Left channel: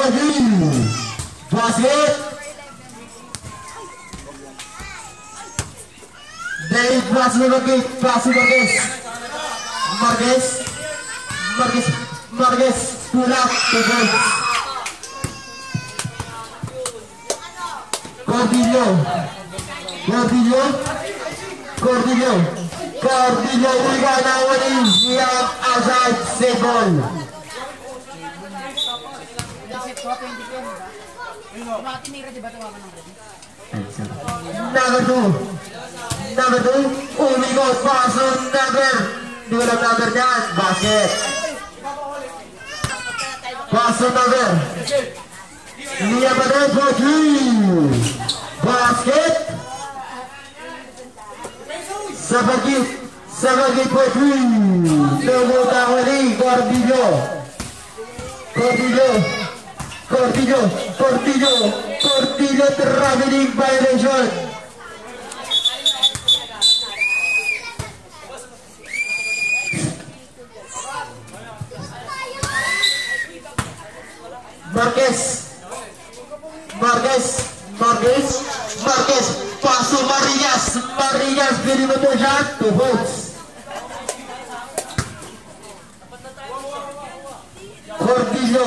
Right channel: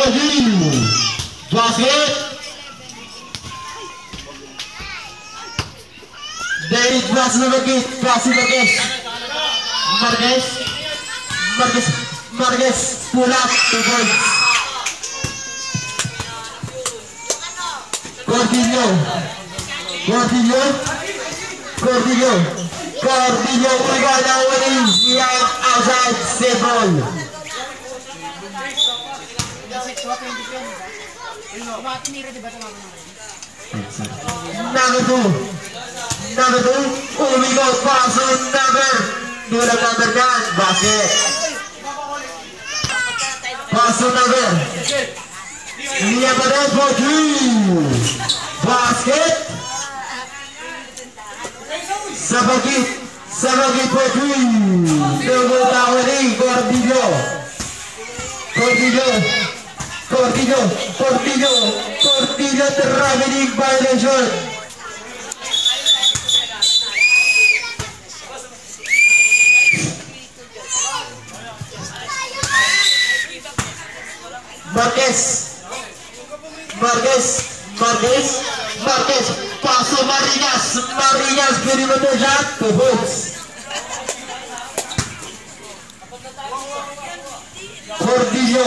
Rodrigo. Basket. David pass to Marquez. Marquez. Pull up the points. Cordillo. We got now winning. We are outside save ball. Number two. Oh, we got pass on number 9. Basket. Pass on number. Liam Barret for 3. Basket. Sabagit for 3. Double down Cordillo traveling violation. Marquez, passo Marinhas, perimeter shot, two hooks. Cordillo.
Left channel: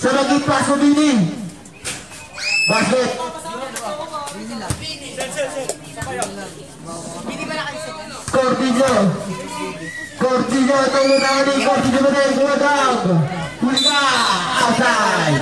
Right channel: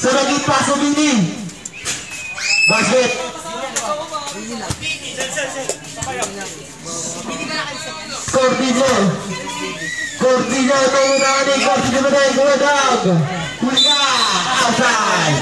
Sabagit passo Bini. Basket. Cordillo tunggu outside.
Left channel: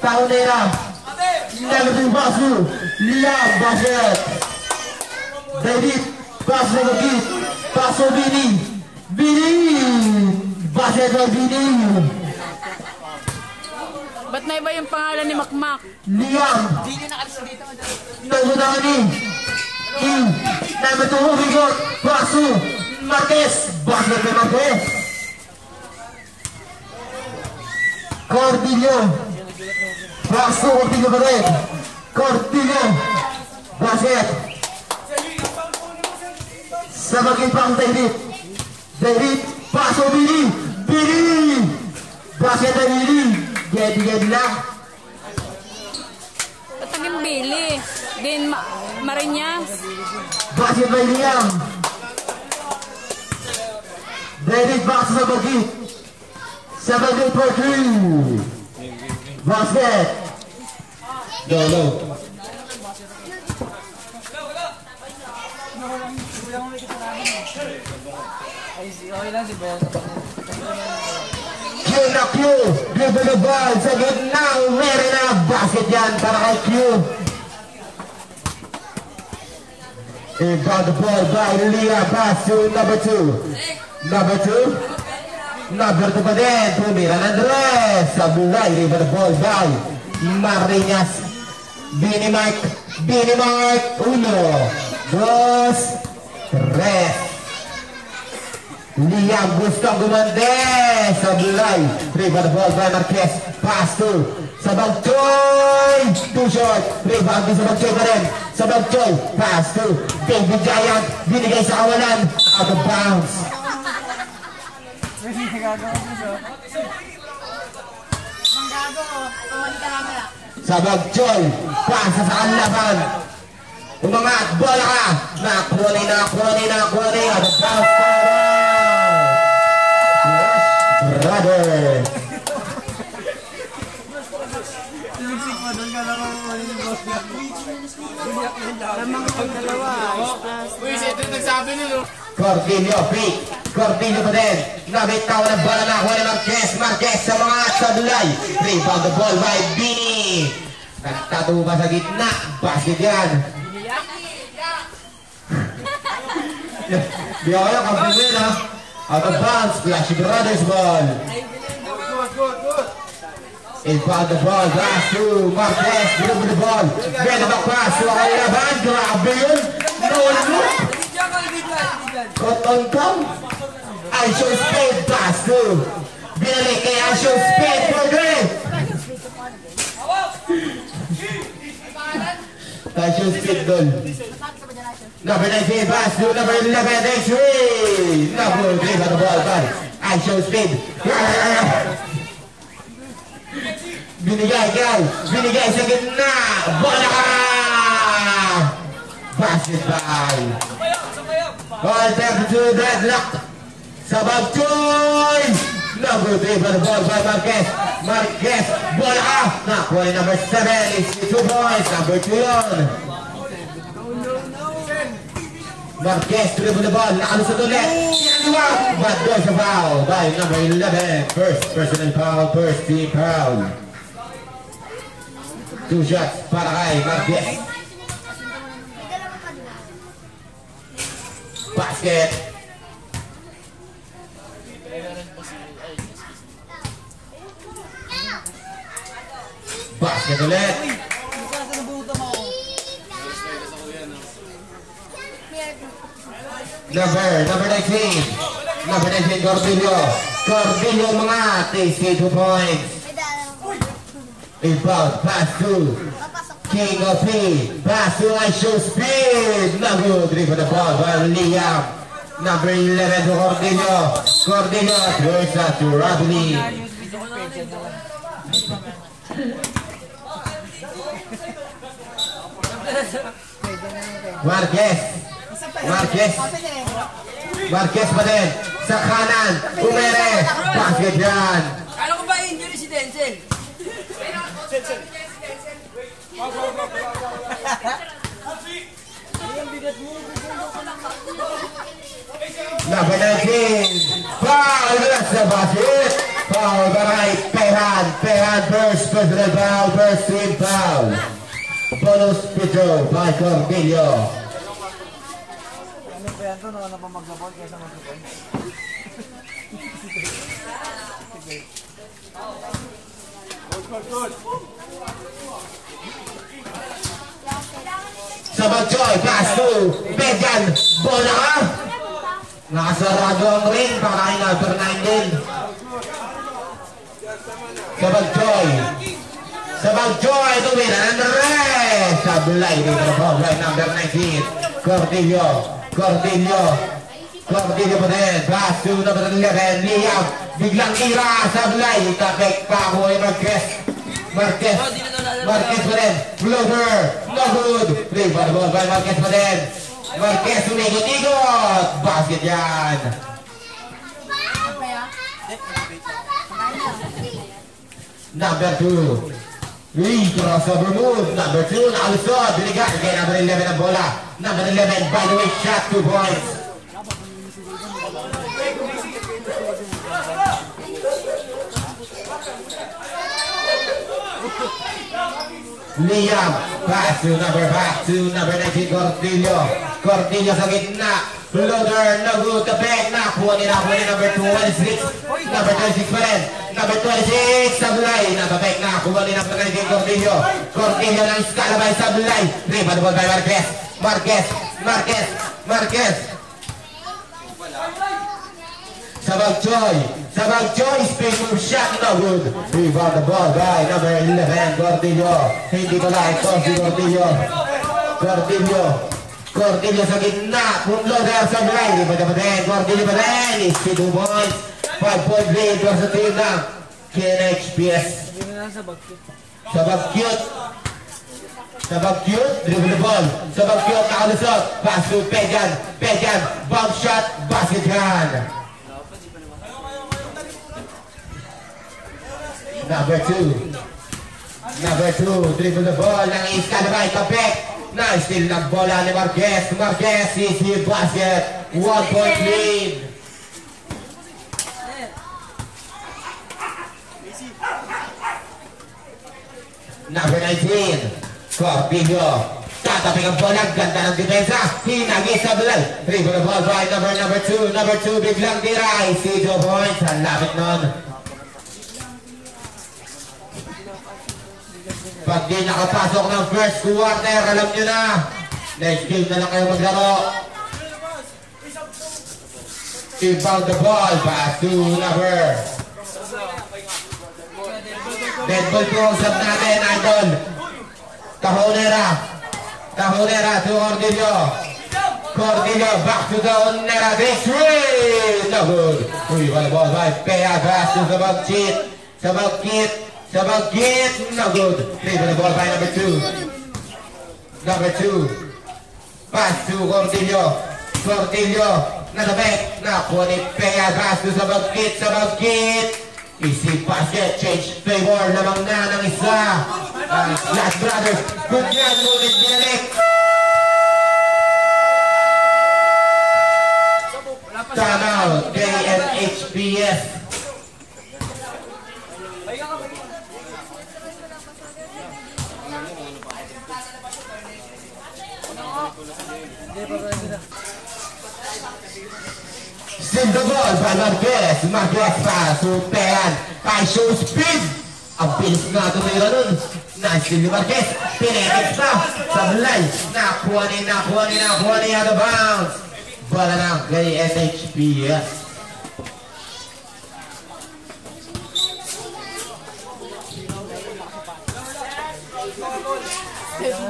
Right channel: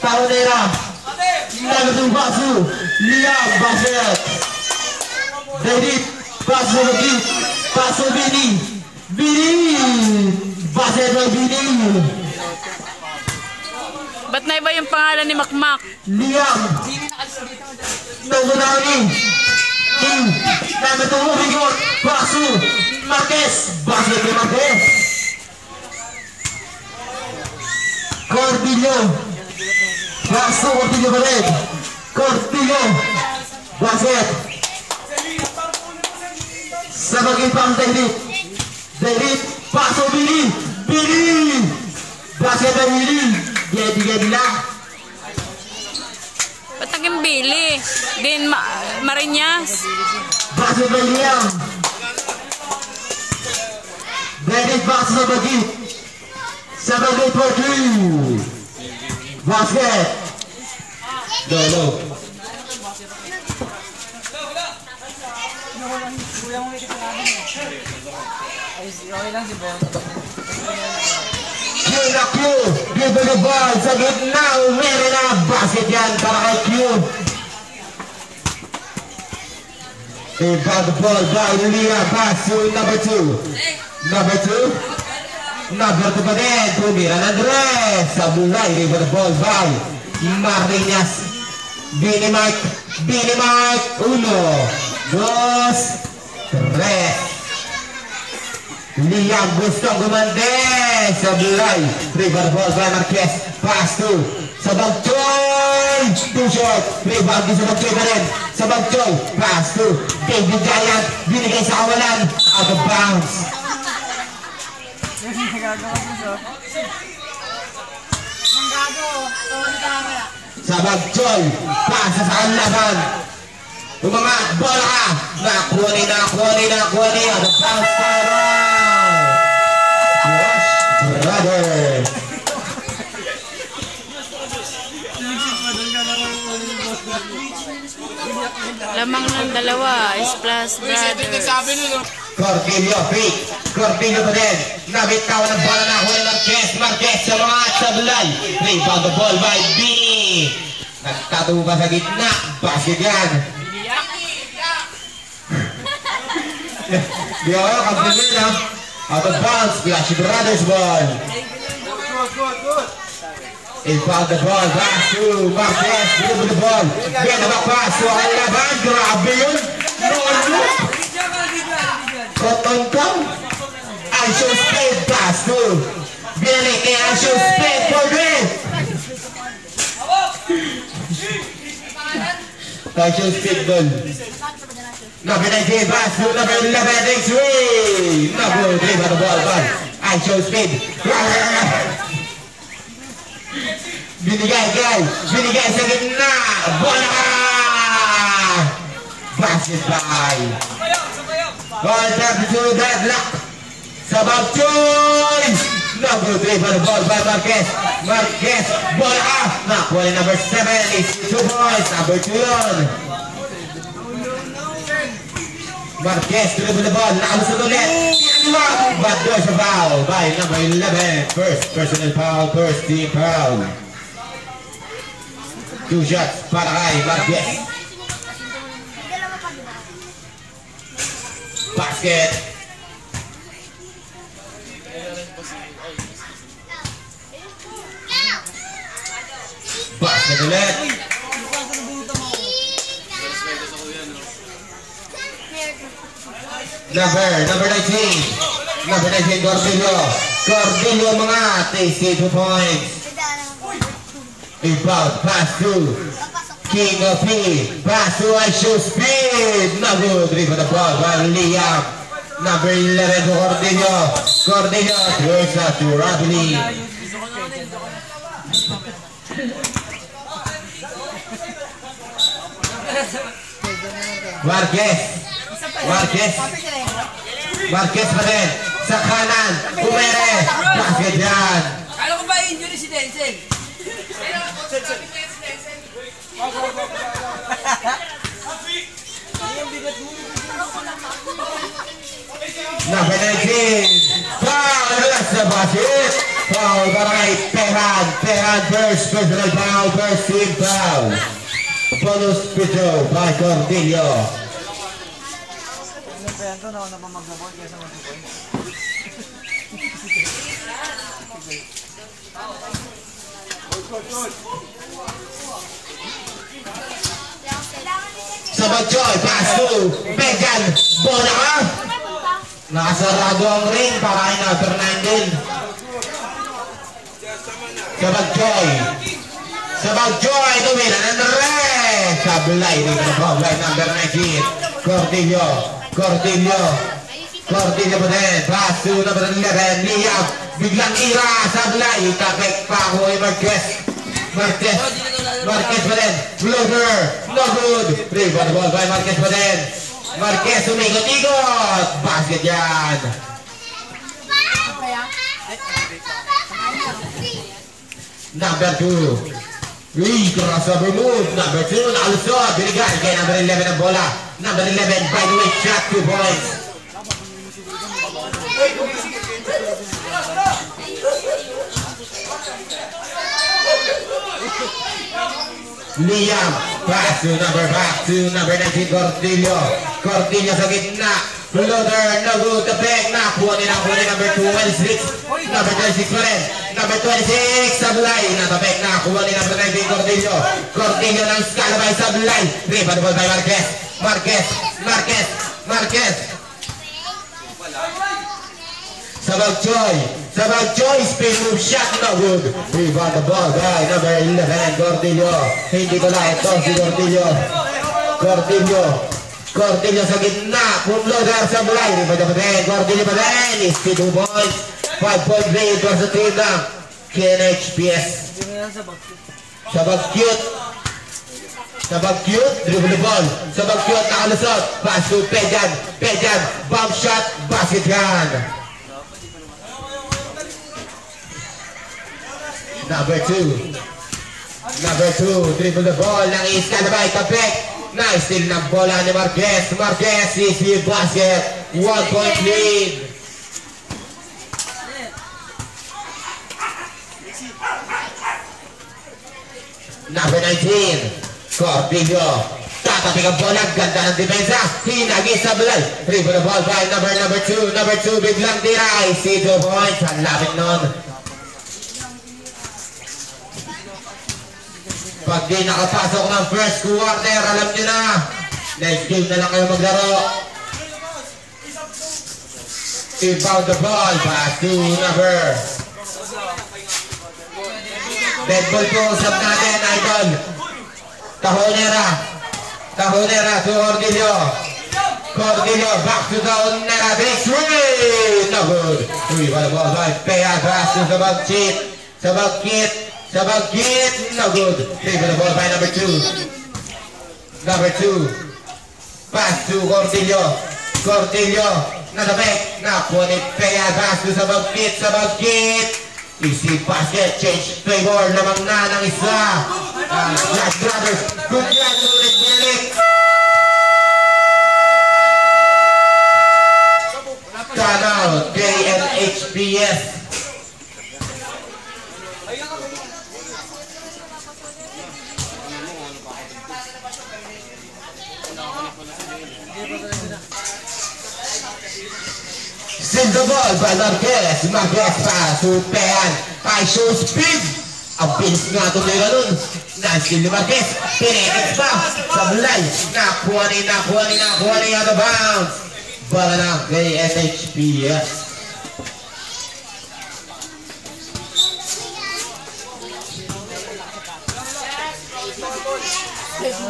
Taunera, number 2 Basu, Liam Basket, David Basu lagi, Basu Bini, Basket Bini. Ba't na iba yung pangalan ni Makmak? Liam, number 9, number 2 Rigot, Basu, Marquez, Basket Marquez, Cordillo. Langsung Cordillo basket sebagai pang David paso Billy basket Billy jadi lah patagin Billy din Marinas basket William David paso sebagai Portu basket go. Q, give the ball sa gitna, meron na basket yan para kay Q. Inbound the ball by Leah, pass to number 2 pa din, tumira ng Andres sa bulay, give the ball by Marinas. Bini Mike 1, 2, 3. Liam gustong gumande sa bulay, rebound ball by Marquez, pass to sa Bagchoy, 2 shot, rebound din sa Bagchoy pa rin, sa Bagchoy, pass to David Giant, binigay sa kawalan, out of bounds. Sa Bagchoy, pass sa kanlaban, umangat, bola ka, nakuha ni, out of bounds. Brother. Lamang ng dalawa is plus Cordillo pa din. Nabitaw ng bola na ako ni Marquez sa mga sablay. Rebound the ball by Bini. Nagtatubo pa sa gitna. Basket yan. Di ako yung kapilin ha. Out of bounds, Flash Brothers ball. Inbound the ball, pass to Marquez, dribble the ball. Ganda ba pass to ang laban? Grabe yun. No. Cotton Cam. Action speed pass to Billy kay action speed for Green. Action speed doon. Number 19 pass to number 11 X3. Number 3 by the ball back. Action speed. Binigay sa gitna. Bola! Basket by. Ball back to deadlock. Sabag choice. Number 3 by the ball by Marquez. Marquez, bola up. Nakuha ni number 7 is 2 points. Number 2 yun. Marquez dribble the ball. Nakalusot ulit. But there's a foul by number 11. First personal foul, first team foul. 2 shots para kay Marquez. Basket. Basket ulit. Number 19. Number 19 Cordillo. Cordillo mga tasty 2 points. Inbound pass to King of P. Pass to Aisho Speed. Number 3 for the ball by Liam. Number 11 to Cordillo. Cordillo throws out to Rabini. Marquez pa din. Sa kanan. Umere. Basket yan. Kala ko ba injury si Denzel? Number 19. Foul sa basket. Foul baray. Tehan first personal foul. First team foul. Bonus Pedro by Cordillo. Ito na pa maglabot kaya sa maglabot. Sabagjoy, pass to Bejan. Bola ka. Nakasarado ang ring. Parahin na for 9 din. Sabagjoy to win and red. Sablay din na ball by number 19. Cordillo pa din. Pass to number 11. Liam. Biglang ira. Sablay. Kapek pa ako ay Marquez pa din. Floater. No good. Play for the ball by Marquez pa din. Marquez umigot. Basket yan. Number 2. Crossover move. Number 2. Nakalusot. Binigay kay number 11 ang bola. Number 11 by the way shot 2 points. Liam. Pass to number 19 Cordillo sa gitna. Floater. No good. Kapek. Nakuha ni number 26. Number 26 pa rin. Number 26, Sablay. Natabek na. Kuha ni number 19, Cordillo. Cordillo ng skala by Sablay. Three pa the ball by Marquez. Sabagjoy, spin move shot. No good. Rebound the ball by number 11, Cordillo. Hindi ko na ito si Cordillo sa gitna. Floater, Sablay. Rebound pa din. Cordillo pa din. Is 2 points. 5-point lead was the team now. KNHPS. Sabagkyut, dribble the ball. Sabagkyut, nakalusot. Pass to Pejan. Bomb shot, basket hand. Number 2, dribble the ball. Nang iskalabay, Kapek. Nice steal ng bola ni Marquez. Marquez is the basket. 1-point lead. Number 19, Cordillo. Tatapik ang bola, ganda ng depensa. Hinagi sa Sablay. Dribble the ball by number 2. Number 2, biglang diray. 2 points. Ang lapit nun. Pag di nakapasok ng first quarter, alam nyo na. Next game na lang kayo maglaro. Inbound the ball. Pass to number. Deadpool po usap natin, idol. Tahonera. Tahonera to Cordillo. Cordillo back to Tahonera. This way. No good. Uy, wala ball by Pea. Pass to Sabagkit. Sabagkit. Sabagkit. No good. Play for the ball by number 2. Number 2. Pass to Cordillo. Cordillo. Nadabek. Nakuha ni Pea. Pass to Sabagkit. Sabagkit. Easy basket, change favor, lamang na ng isa. Black Brothers, good yan, ngunit binalik. Time out, KNHPS. Send the ball by Marquez. Marquez pass to Pean. High show speed. Ang bilis nga ito nila nun. Nice ni Marquez. Pinekit pa. Sablay. Nakuha ni out of bounds. Bala na kay NHPS.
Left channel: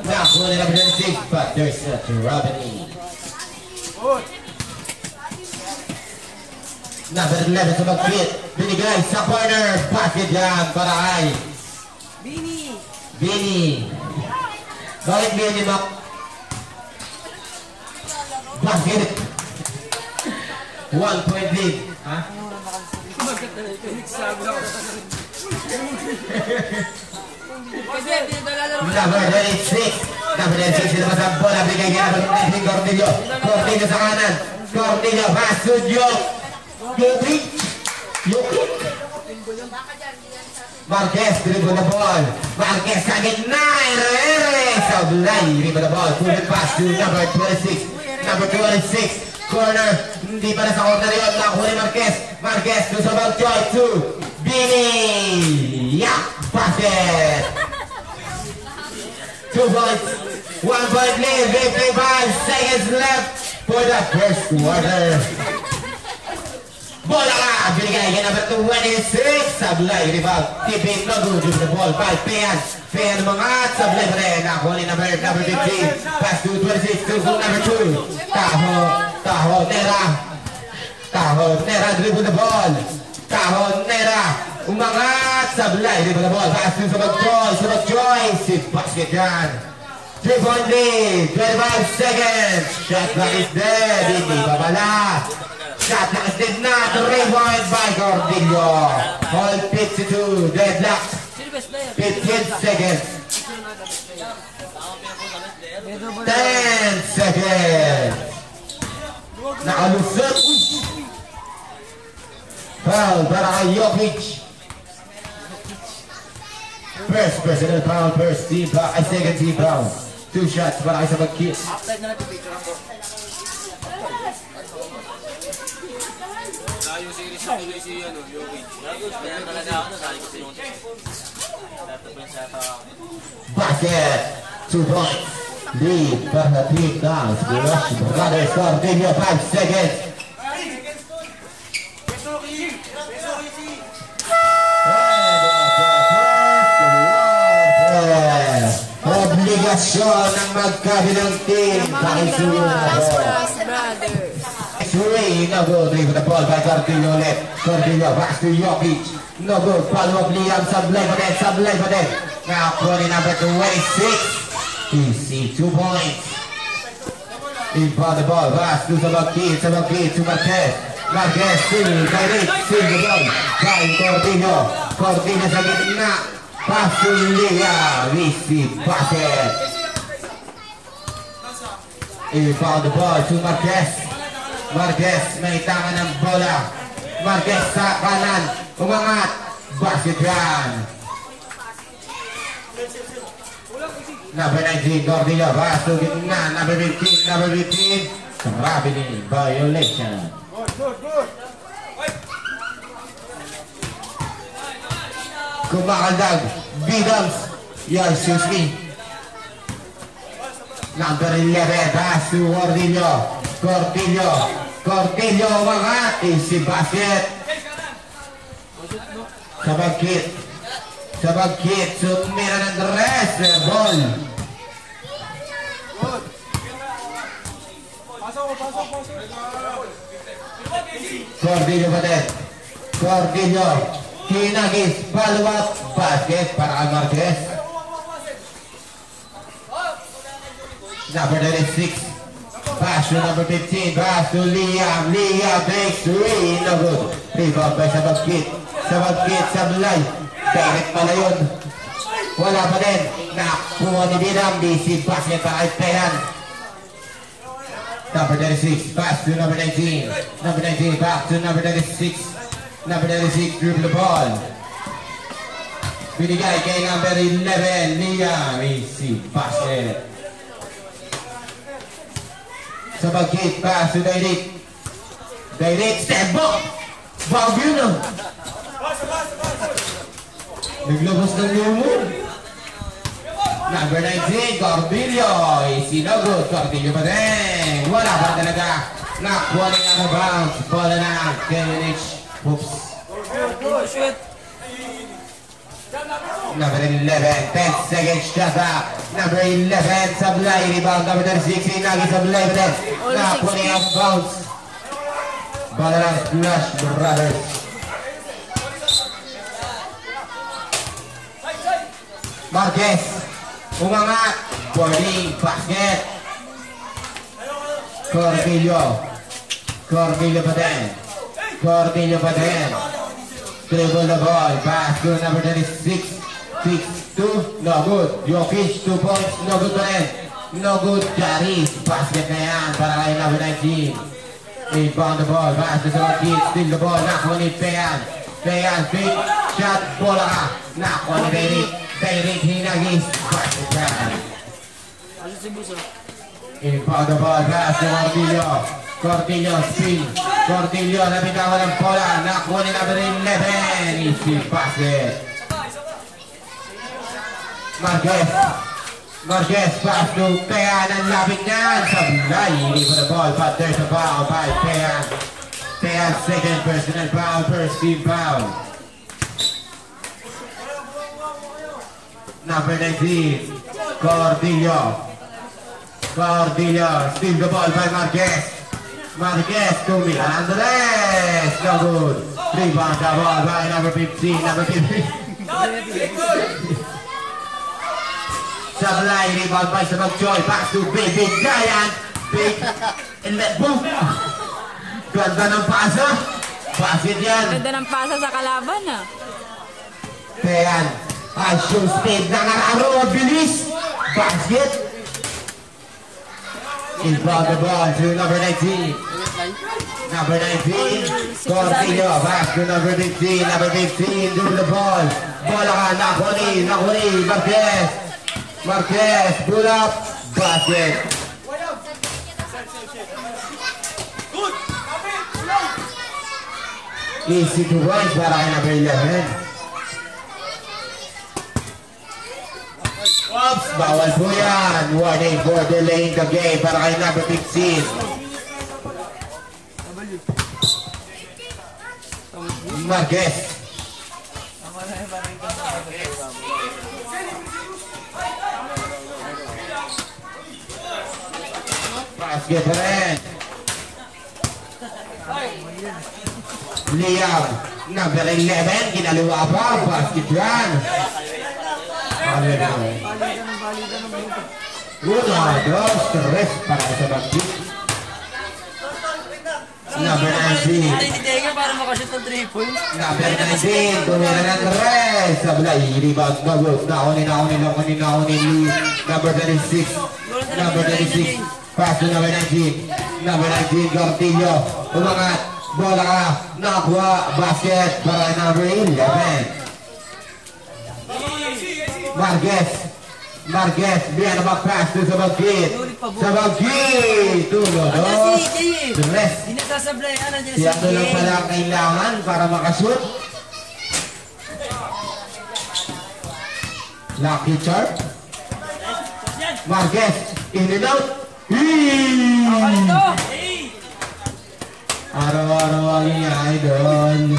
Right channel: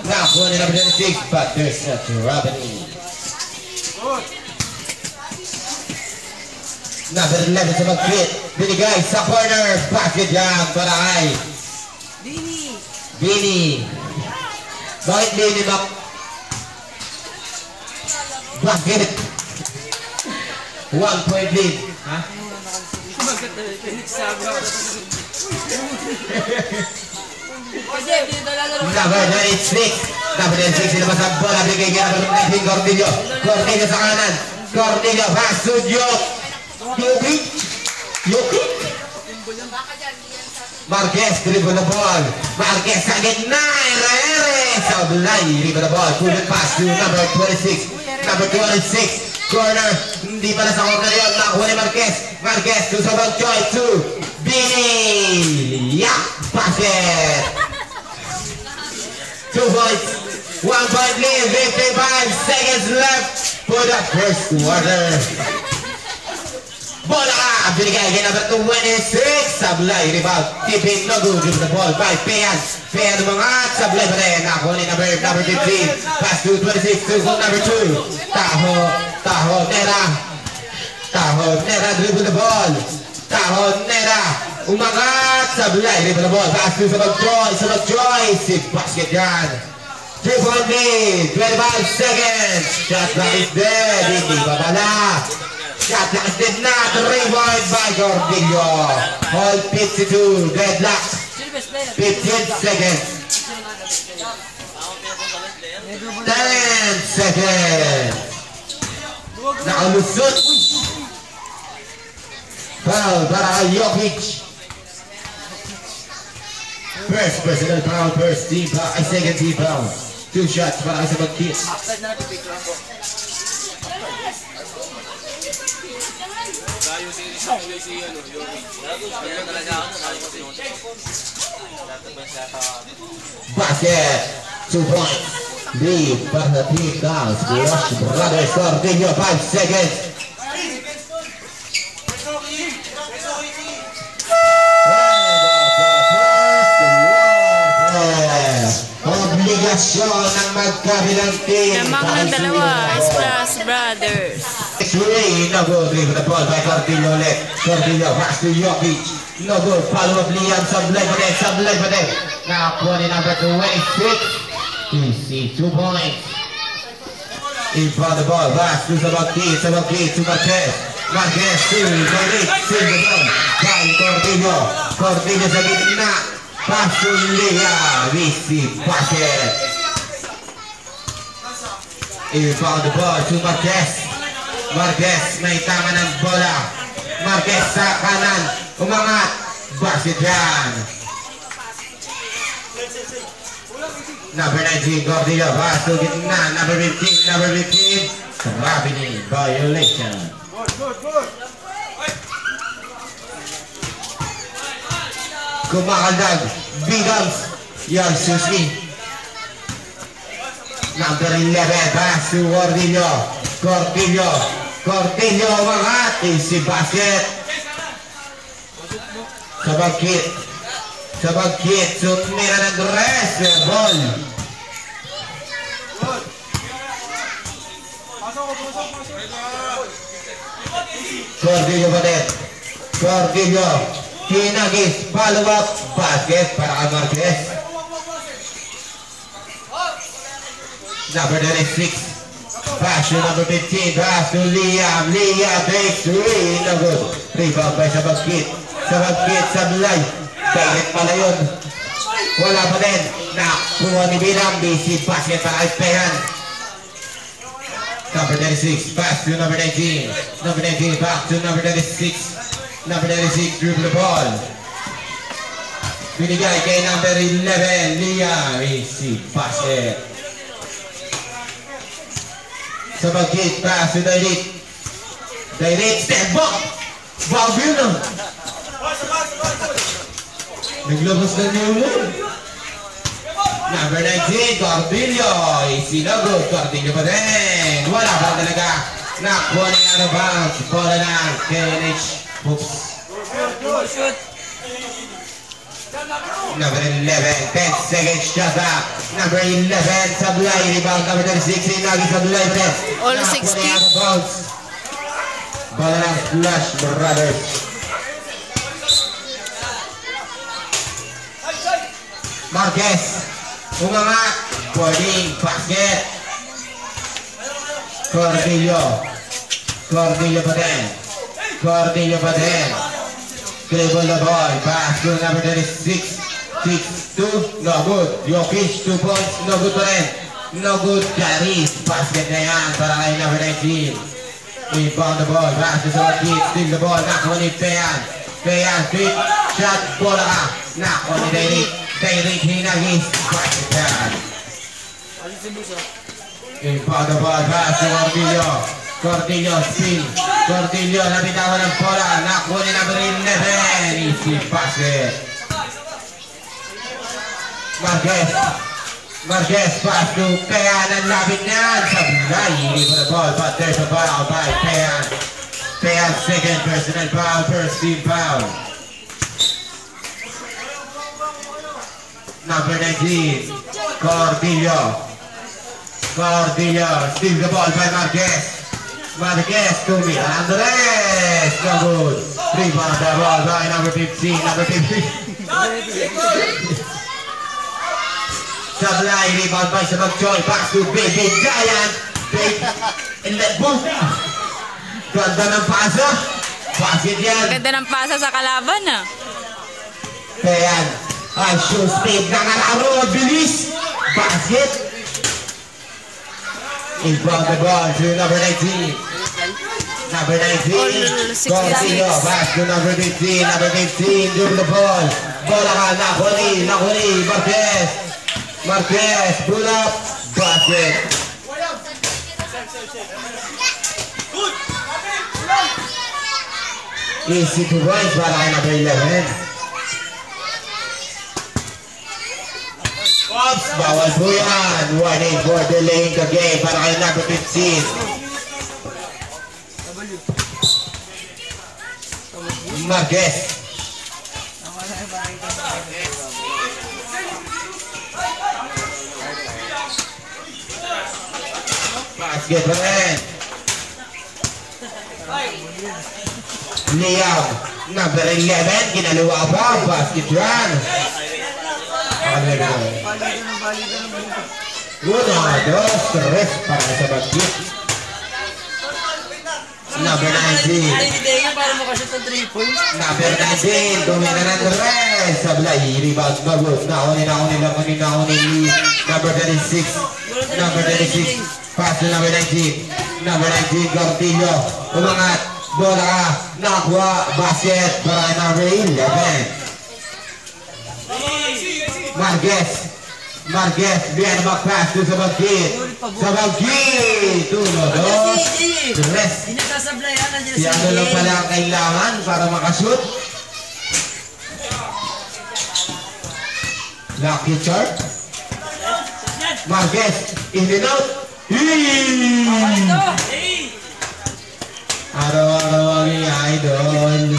Nakuha ni number 6, but there's not Robin. Number 11 sa mag-fit. Binigay sa corner. Basket yan para ay Bini. Bakit Bini, Mac? Basket. 1 point lead. Ha? Number 26. Number 26 sila sa bola. Binigay kaya number 19 Cordillo. Cordillo sa kanan. Cordillo pass to Diop. Jokic. Marquez dribble the ball. Marquez sa gitna. Herrera. Sablay. Dribble the ball. Pull it pass to number 26. Number 26. Corner. Hindi pa na sa corner yun. Nakuha ni Marquez. Marquez to sa Bagjoy to Bini. Yeah. Basket. 2 points. 1 point lead. 55 seconds left for the first quarter. Bola ka! Binigay kay number 26. Sablay, rebound. Tipping, no good. Give the ball by Pean. Pean umangat. Sablay pa rin. Nakuha ni number 15. Pass to 26 to number 2. Tahonera. Dribble the ball. Tahonera. Umangat. Sablay, dribble the ball. Pass to Sabagjoy. Si basket yan. 3 point lead. 25 seconds. Shot clock is dead. Hindi babala. Shot clock is dead na. 3 point by Cordillo. Hold 52. Deadlock. 15 seconds. 10 seconds. Nakalusot. Foul para kay Jokic. First personal foul, first team foul, second team foul. 2 shots para kay Sabagkit. Basket. 2 points. Lead para the team guys. Rush Brothers Cordillo. 5 seconds. Obligasyon ng magkabilang team. Lamang ng dalawa, Splash Brothers. X-ray, no good. Dribble the ball by Cordillo ulit. Cordillo, pass to Jokic. No good. Follow up Liam. Sablay pa din. Nakakuha ni number 26. Easy, 2 points. In front of the ball. Pass to Sabagkit to Marquez. Marquez, still the ball. By Cordillo. Cordillo sa gitna. Pass to Liam. Easy, basket. In front of the ball to Marquez. Marquez, may tama ng bola. Marquez sa kanan. Umangat. Basket yan. Number 19, Cordillo. Pass to gitna. Number 15. Rabini. Violation. Kumakaldag. Bigams. Yalsuski. Number 11, pass to Cordillo. Cordillo umangat. Easy basket. Sabagkit. Sumira ng dress. Ball. Cordillo pa din. Cordillo. Kinagis. Follow up. Basket para kay Marquez. Number 36. Pass to number 15. Pass to Liam. Liam takes 3. No good. Rebound by Sabagkit. Sablay. Direct pala yun. Wala pa din. Nakuha ni Binam. Basic basket para kay Pehan. Number 36. Pass to number 19. Number 19. Back to number 36. Number 36. Dribble the ball. Binigay kay number 11. Liam. Basic basket. Sabagkit, pass to Direct. Step back. Bago na. Naglabas ng new move. Number 19, Cordillo. Sinagot, Cordillo pa din. Wala pa talaga. Nakuha niya out of bounds. Bola na KNH. Oops. Number 11, 10 seconds shot up. Number 11, Sablay, rebound. Number 36, Inagi Sablay pa din. All Nakuha 60. niya out of bounds. Bola na Flash Brothers. Marquez. Umangat. Boarding. Basket. Cordillo pa din. Dribble the ball. Pass to number 36. 6-2. No good. Jokic 2 points. No good pa rin. No good. Carries. Basket na yan para kay number 19. Rebound the ball. Pass to Sabagkit. Steal the ball. Nakuha ni Pehan. Straight shot. Bola ka. Nakuha ni Derek Hinagis. Basket yan. Rebound the ball. Pass to Cordillo spin. Cordillo nabitawan ng bola. Nakuha ni number 11. Easy basket. Marquez pass to Pehan. Ang lapit niyan. Sablay. Hindi for the ball. But there's a foul by Pehan. Pehan second personal foul. First team foul. Number 19. Cordillo. Steal the ball by Marquez to Miguel Andres. No good. Rebound the ball by number 15. Sablay, rebound by Sabagchoy. Pass to Baby Giant. And let boom. Ganda ng pasa. Basket yan. Ganda ng pasa sa kalaban ah. Pehan. Show speed ng araro. Bilis. Basket. Inbound the ball to number 19. Number 19. Cordillo. Back to number 15. Number 15. Dribble the ball. Bola ka. Nakuni. Marquez. Pull up. Basket. Easy to points para kay number 11. Oops, bawal po yan. Warning for delaying the game para kay number 15. Marquez. Basket pa rin. Liam, number 11, ginalawa pa. Basket run. Una, dos, tres para Sabagkit. Number 19. Number 19, tumira ng tres. Sablay, rebound, bagot. Nakunin. Number 36. Pass to number 19. Number 19, Cordillo. Umangat. Bola ka. Nakuha. Basket para number 11. Marquez, biar back-pass to Sabagkit. 1, 2, 3. Si ano lang pala ang kailangan para makashoot. Lucky Charm. Marquez, in and out. Araw-araw ang idol.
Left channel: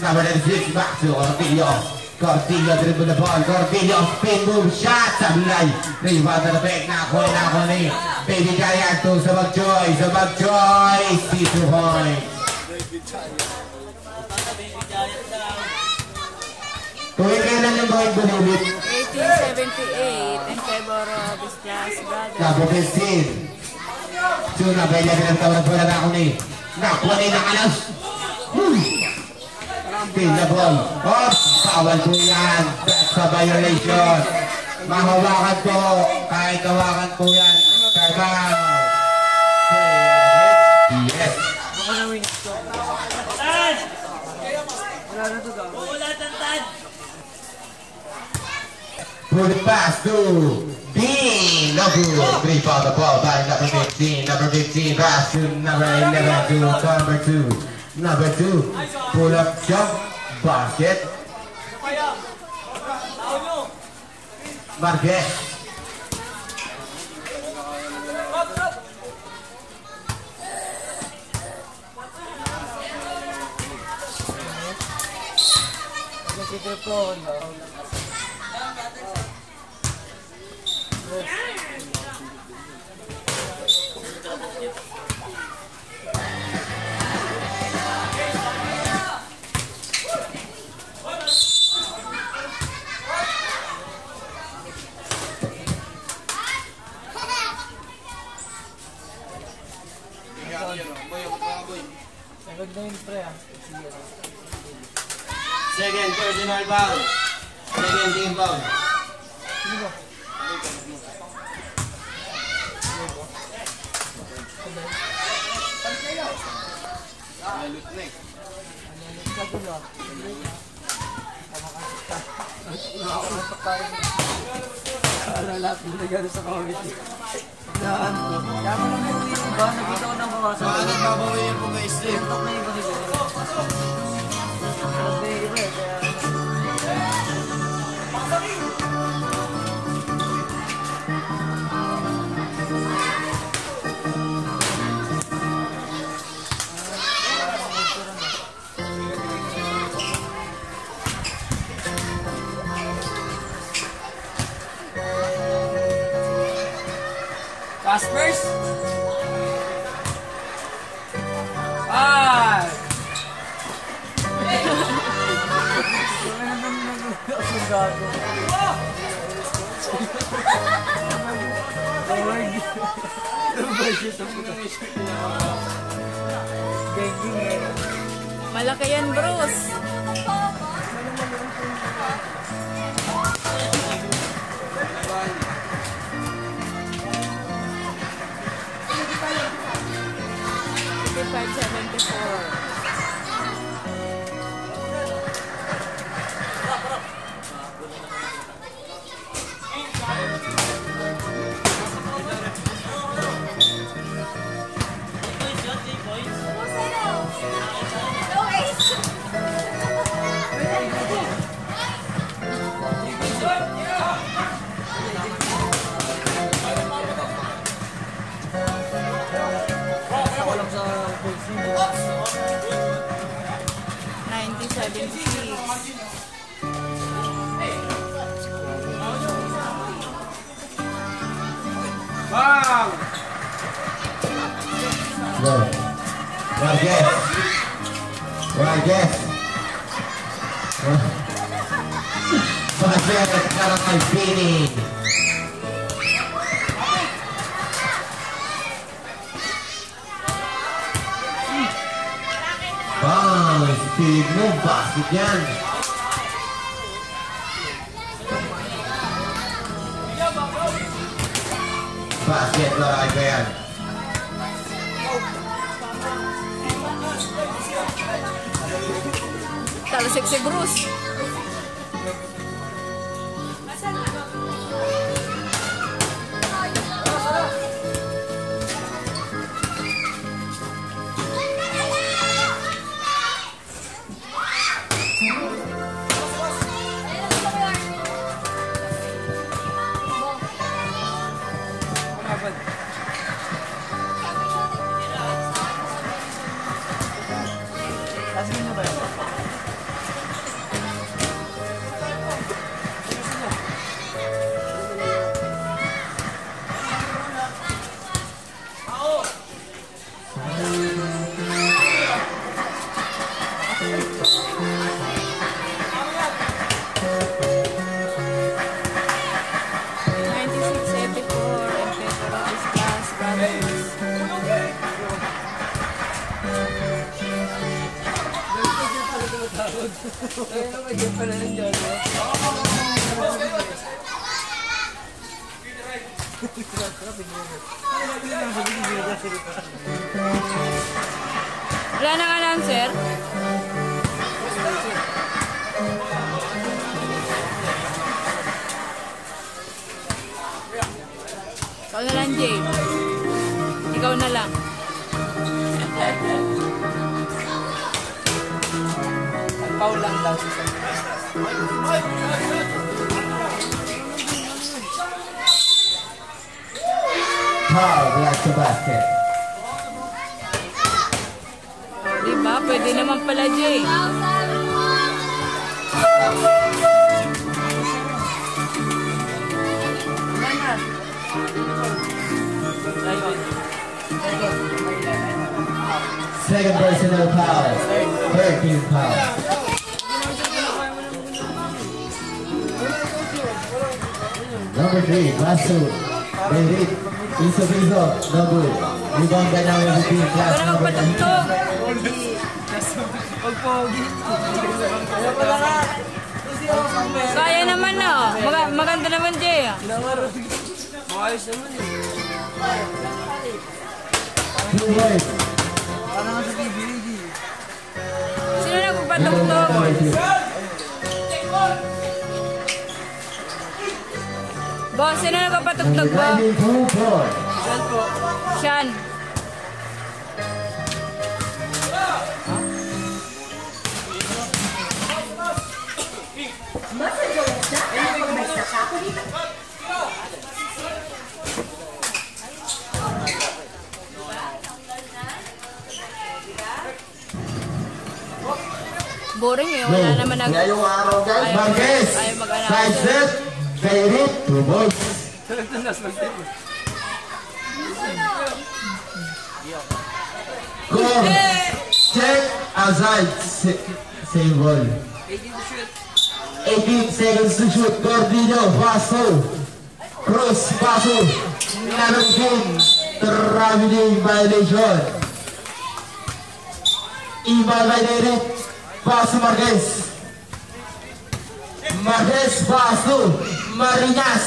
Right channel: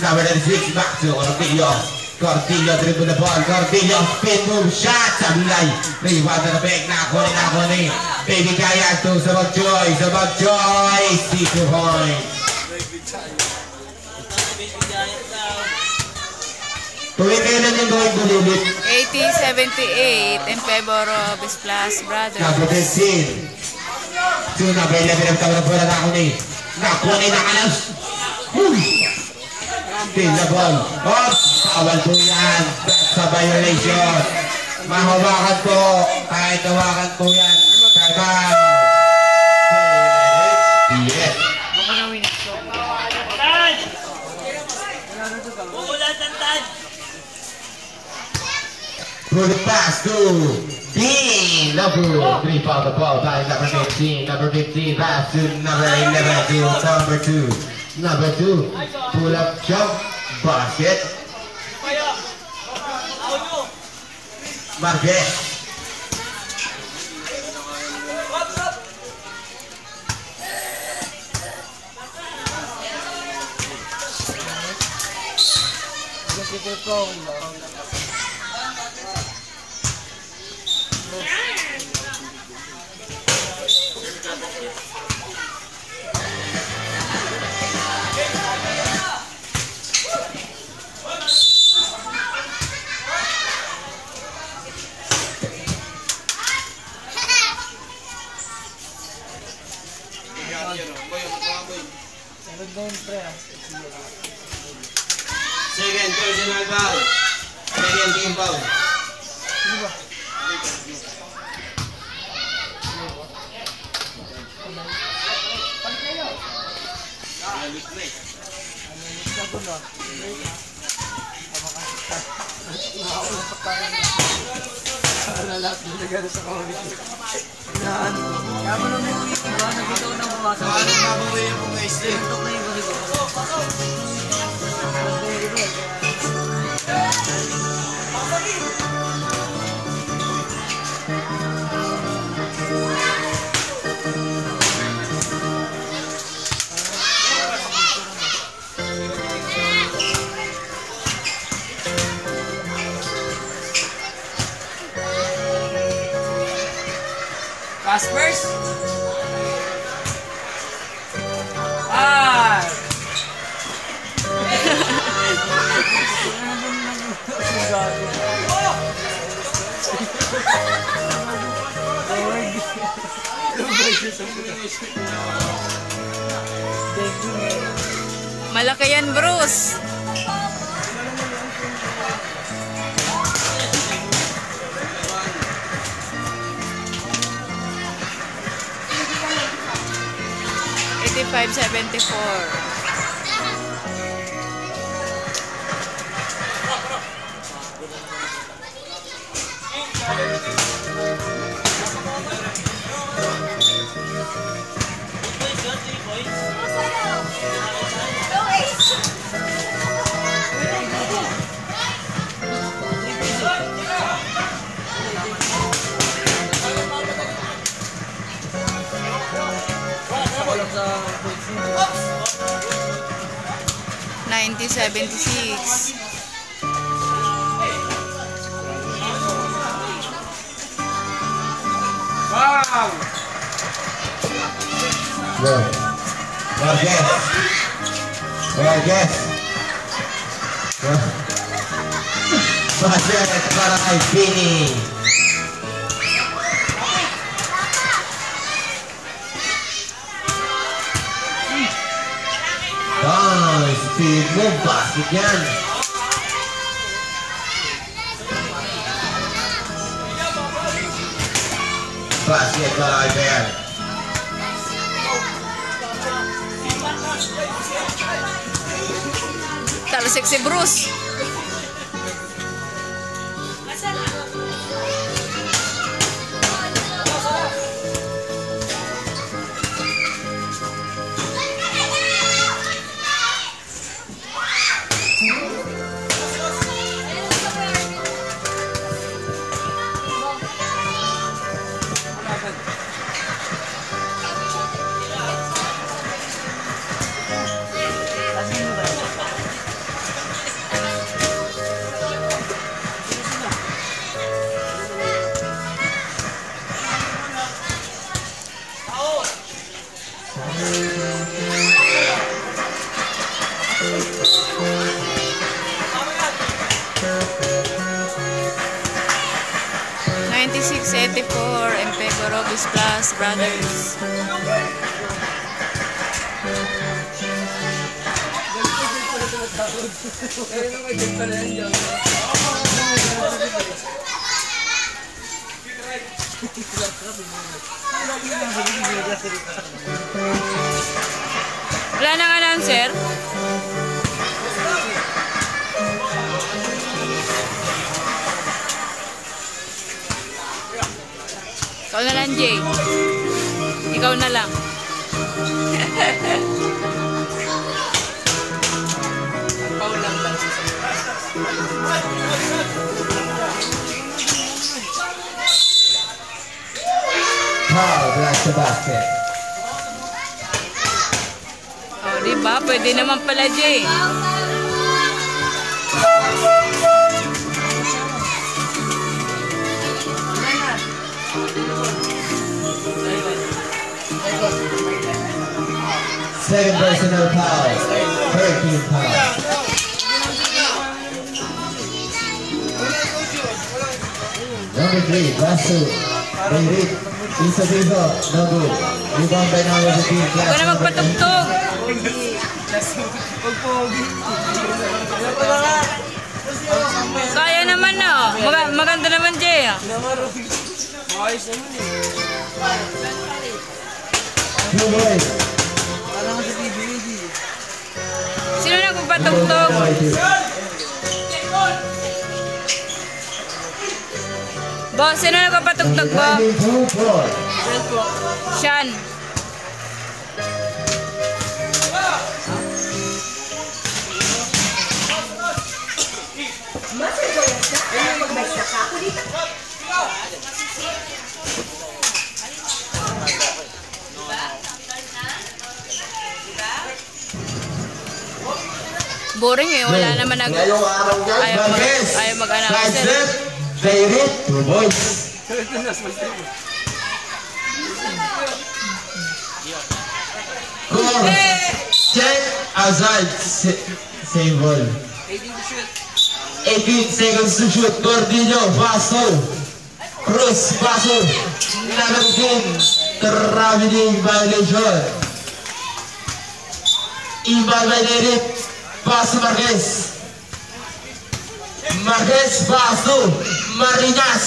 Number 6, back to Cortillo. Cortillo dribble the ball. Cortillo spin move shot. Sablay. Rebound na back. Nako ni Baby Giant to sa Magjoy. Sa Magjoy. 2 point. Tuwing kailan yung going bulilit? 80-78 in favor of his plus brother. Number 15. Suna ba 11 ang tawag na bola na ako ni. Nakuha ni Nakalas. Pin the ball. Oh, bawal po yan. That's a violation. Mahawakan po. Kahit hawakan po yan. Kama. Yes. Ako na win ito. Put it pass to Dean. Number 3 for the ball by number 15. Number 15 pass to number 11 to number 2. Number 2 pull up jump basket. Marquez. Second personal foul. Second team foul. Kaya mo lang yung iba, nagpunta ko ng bawasan. Tuntok na iba siguro. Mas na yung iba eh, kaya... Caspers? Malaki yan, Bruce. $85.74. $90.76. Go. Marquez. Basket para kay Pini. Speed move basket yan. Basket para kay Ben. Talsik si Bruce. in favor of his Plus Brothers. Wala nang announcer? Ikaw na lang, Jay. Ikaw na lang. Paul lang ba? Paul bless the basket. Oh, diba? Pwede naman pala, Jay. Second personal foul. 13 fouls. Number 3, Basu. David. Piso. No good. Rebound by number 15. Huwag ka na magpatugtog. Kaya naman, no? Maganda naman, Jay. Ayos naman eh. Two boys. Parang nga sa PBA. Sino na magpatugtog? Boss, sino na magpatugtog, bo? Sean. Boring eh, wala naman nag... Ngayong araw guys, Ayaw mag-announce. side set, David, two boys. Call, check, aside, same ball. 18 seconds to shoot, Gordillo, Basso, Cruz, Basso, Nanongkin, traveling violation. Iba by David, Basso Marquez. Marquez, Basso, Marinas,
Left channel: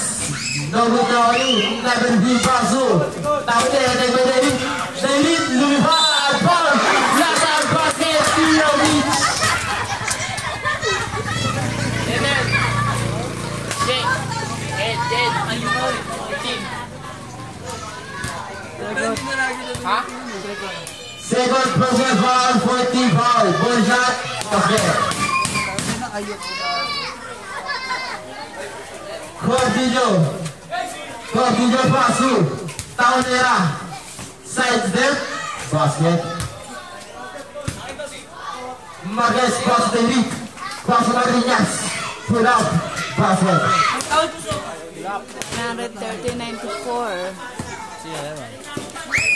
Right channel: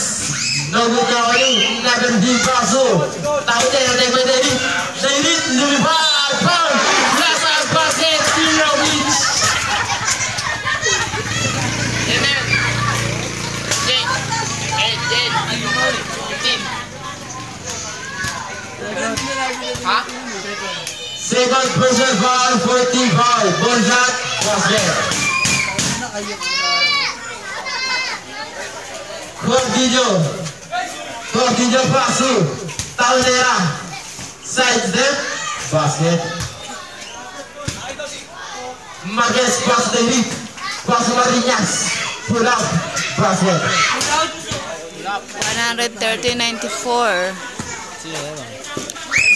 Nogukawali, Naberdi, Basso. Tahu dia by David, David, lumipad, foul, lasang basket, Pilovic. Second person foul, 14 foul, ball shot, basket. Gordillo Basu, Taunera, side step, basket. Marquez, pass David, pass Marinas, pull up, basket. 130-94.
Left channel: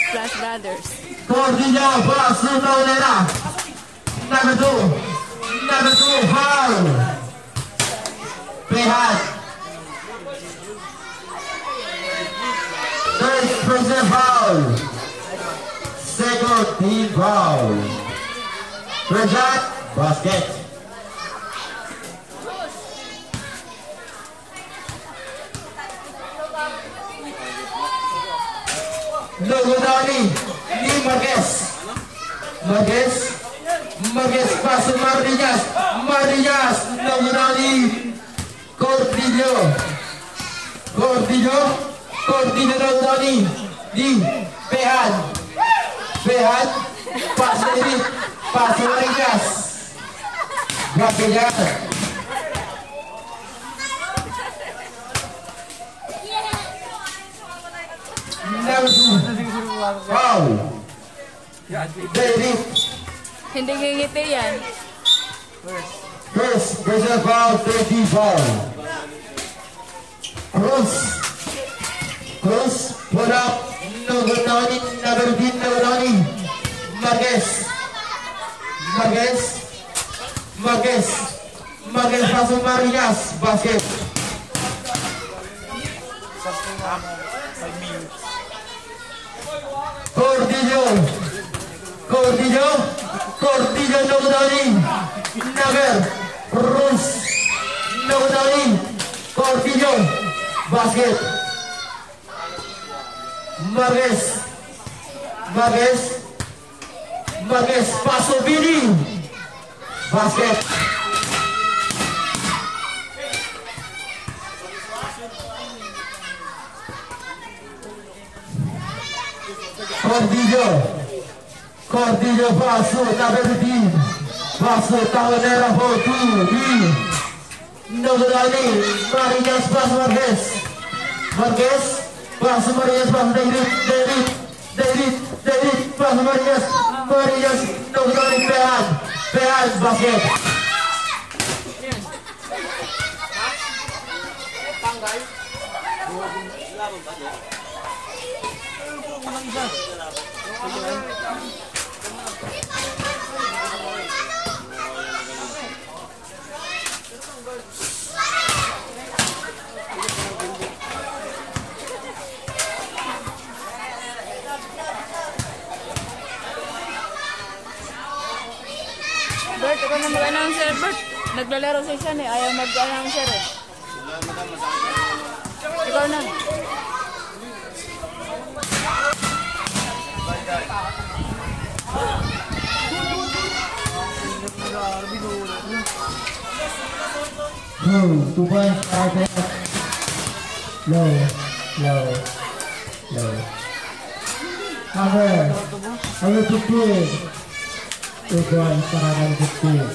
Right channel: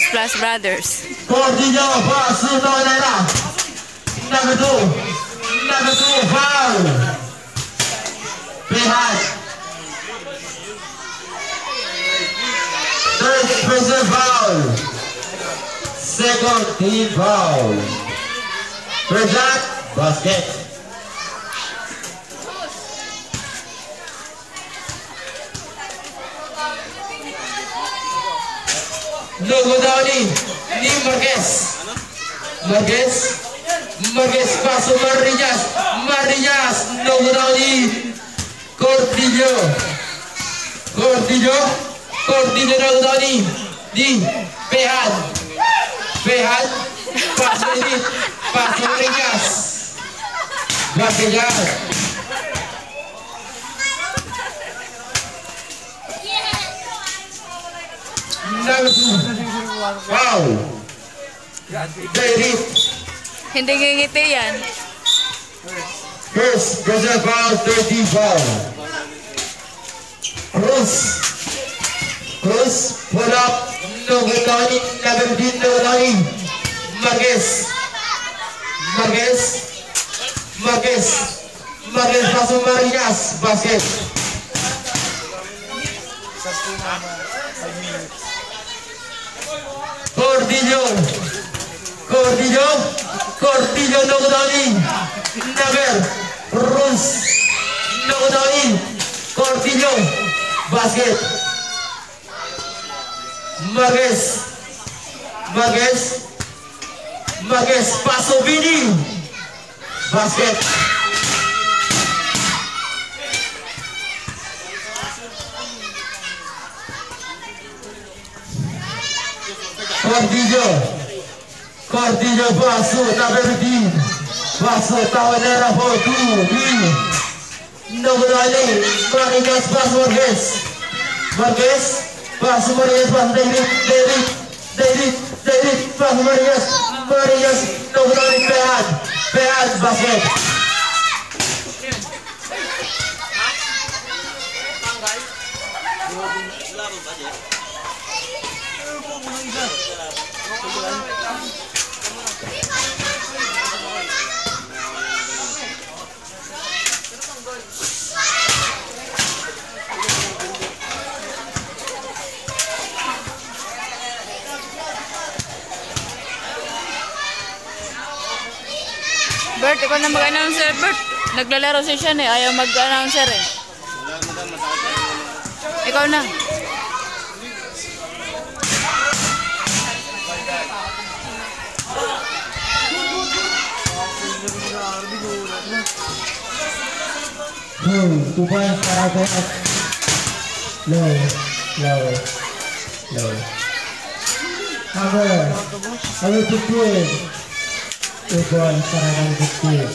Plus Brothers. Gordillo Basu, Taunera, number two, foul. Behad. Third person foul. Second team foul. Third shot, basket. Logo Downey, ni Marquez. Marquez pass to Marinas, Logo Downey. Gordillo, Logo Downey. Di Behad, pass to David, pass to Marinas. Basket. Number 2, foul. David, Hindi ngingiti yan. First, personal foul, 30 foul. Cruz, pull up, Nogodani, Nagardin, Nogodani. Marquez, pasok Marinas, basket. Cordillo, Nogodani, Nagar, Cruz, Nogodani, Cordillo, basket. Marquez, paso Vini, basket. Cordillo, paso, number 15, paso, Tawanera, 4-2, Nogodani, Marinas, paso Marquez, paso Marinas, paso David, paso Marinas, Nogodani, Pead, basket. Bert, ikaw na mag-announcer, Bert. Naglalaro si Sean eh. Ayaw mag-announcer eh. Ikaw na. Two points para Pead. Low. Number 15. 2 points para 15.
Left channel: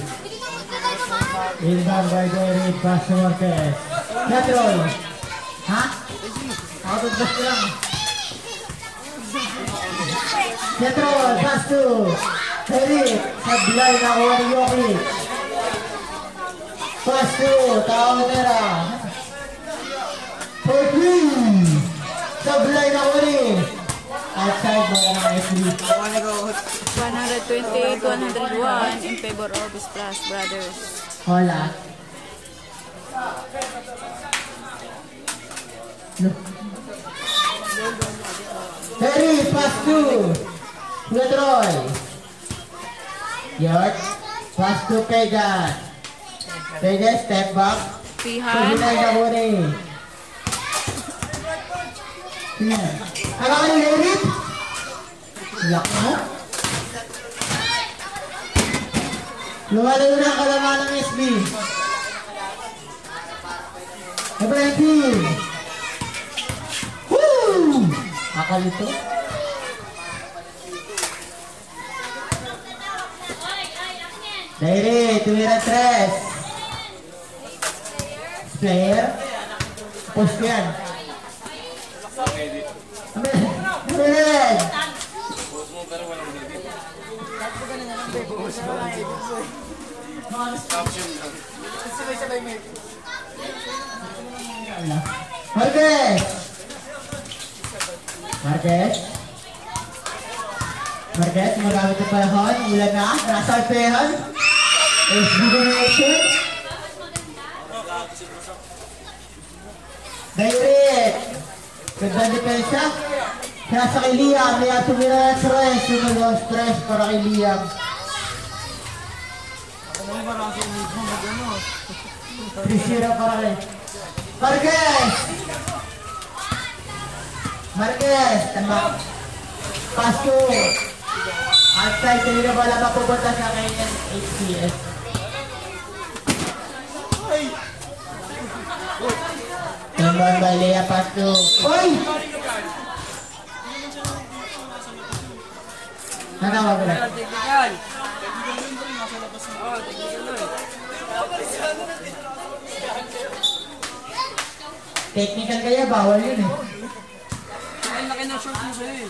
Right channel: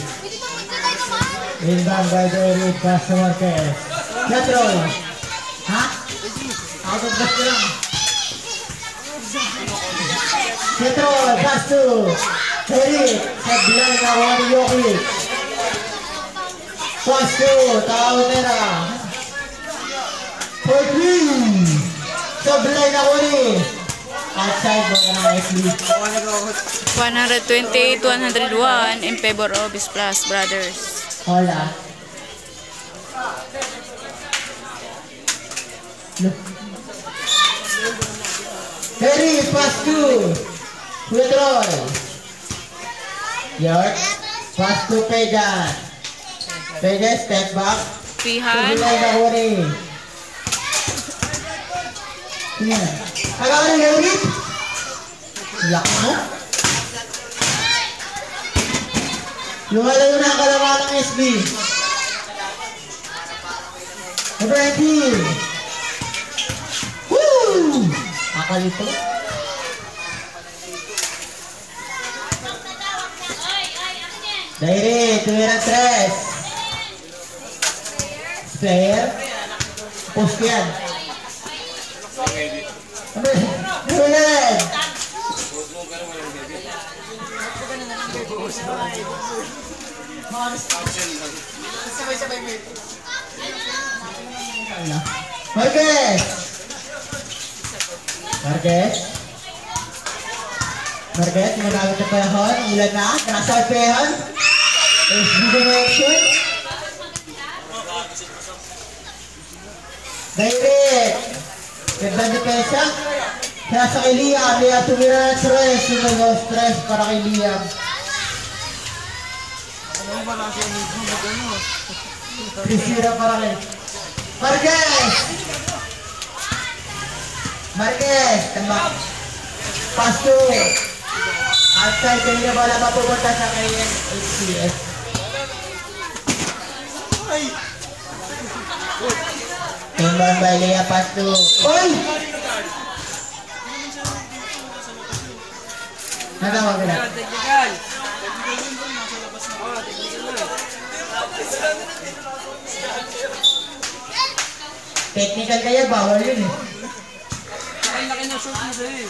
Inbound by David, pass to Marquez. Petrol. Ha? Out of bus lang. Petrol, pass to David. Sablay na kuha ni Jokic. Pass to Tawanera. 14. Sablay na kuha ni outside mo na F-League. 128-101 in favor of Splash Brothers. Hola. Harry, pass to Troy. York, pass to Pegan. Pegan, step back. Pihan. Sabilay na huli. Haka ka ng Harry? Yak mo? Lumalayo na ang kalaman ng SB. Number 19. Woo! Nakalito. Daire, tumira 3. Player. Post yan. Number 11. Marquez, magamit na panahon. Ulan na. Nasa pehan. SB direction. Direct. Ganda depensa. Nasa kay Liam. Liam tumira na stress. Sumayo stress para kay Liam. Prisira para kay Marquez. Tama. Pasto. Outside kayo na wala mapupunta sa kay HCS. Tumbang by Lea Pasto. Oy! Natawag ka na. Technical kaya, bawal yun eh. Ang laki ng short mo sa'yo eh.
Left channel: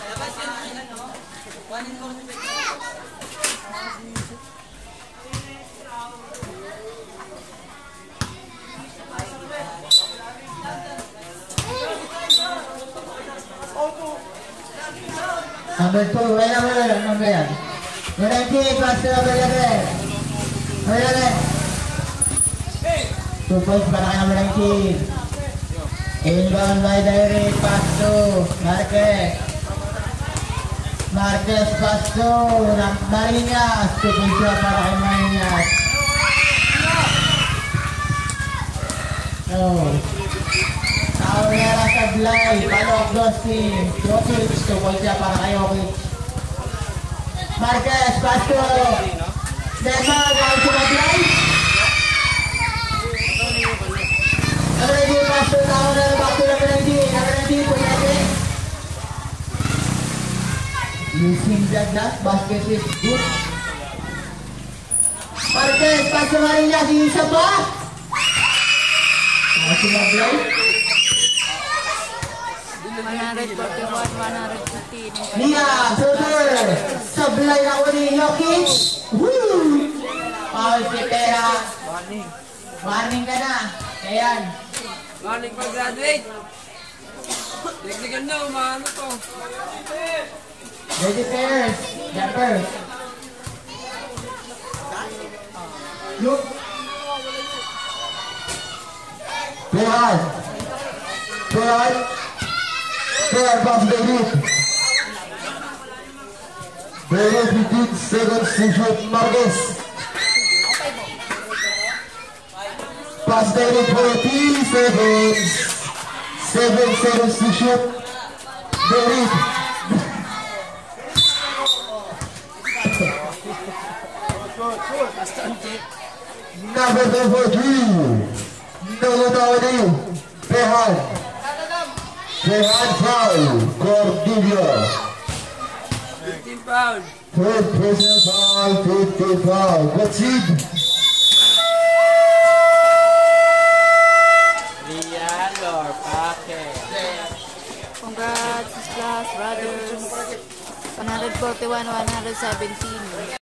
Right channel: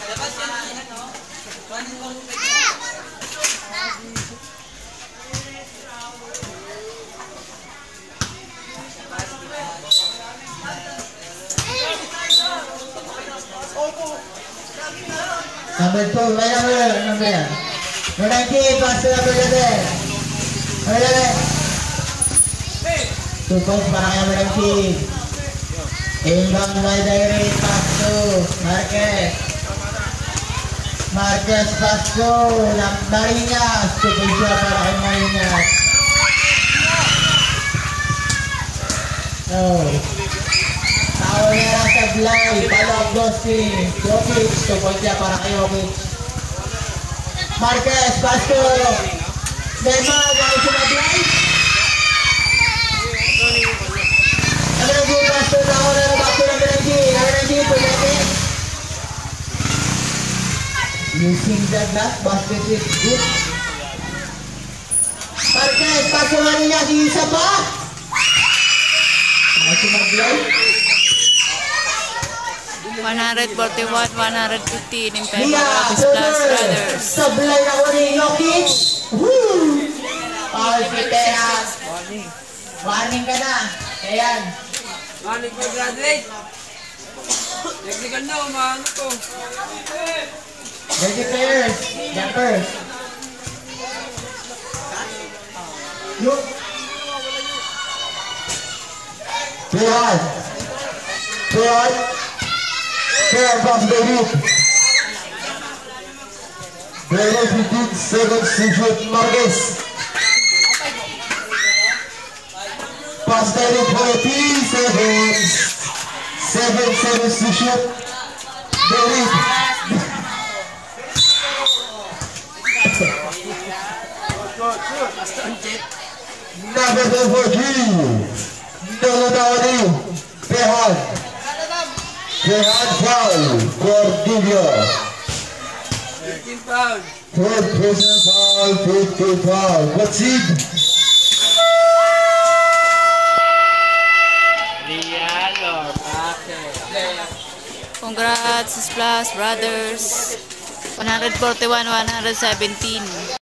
Number 2, may number yan. Number 19, pass to number 11. Number 11. 2 points para kay number 19. Inbound by direct pass to Marquez. Marquez pass to Marinas. 2 points para kay Marinas. Taulera Sablay, Palok Dostin, Jokic, 2 points para kay Jokic. Marquez, pass to Dema, one to Sablay. Number 19, pass to Taulera, back to number 19, number 19 to Jokic. Using the glass, basket is good. Marquez, pass to Marinas, isa pa. Pass to Sablay. 141-115 in Lia, Plus Silver, Brothers. Sablay na uli, Jokic. Woo! Paul Pipera. Warning ka na. Ayan. Manik mag-graduate. Technical nyo, maano to. Ready players. Jumpers. Look. Clear. Clear. Clear pass David. David 15 seconds to shoot Marquez. Pass David 14 seconds. 7 seconds to shoot David. Number 43. Nalutawani. Pehan. Pehan foul. Cordivia. 15 pound. Third personal foul. 15 foul. What's it? Congrats, Plus Brothers. 141-117.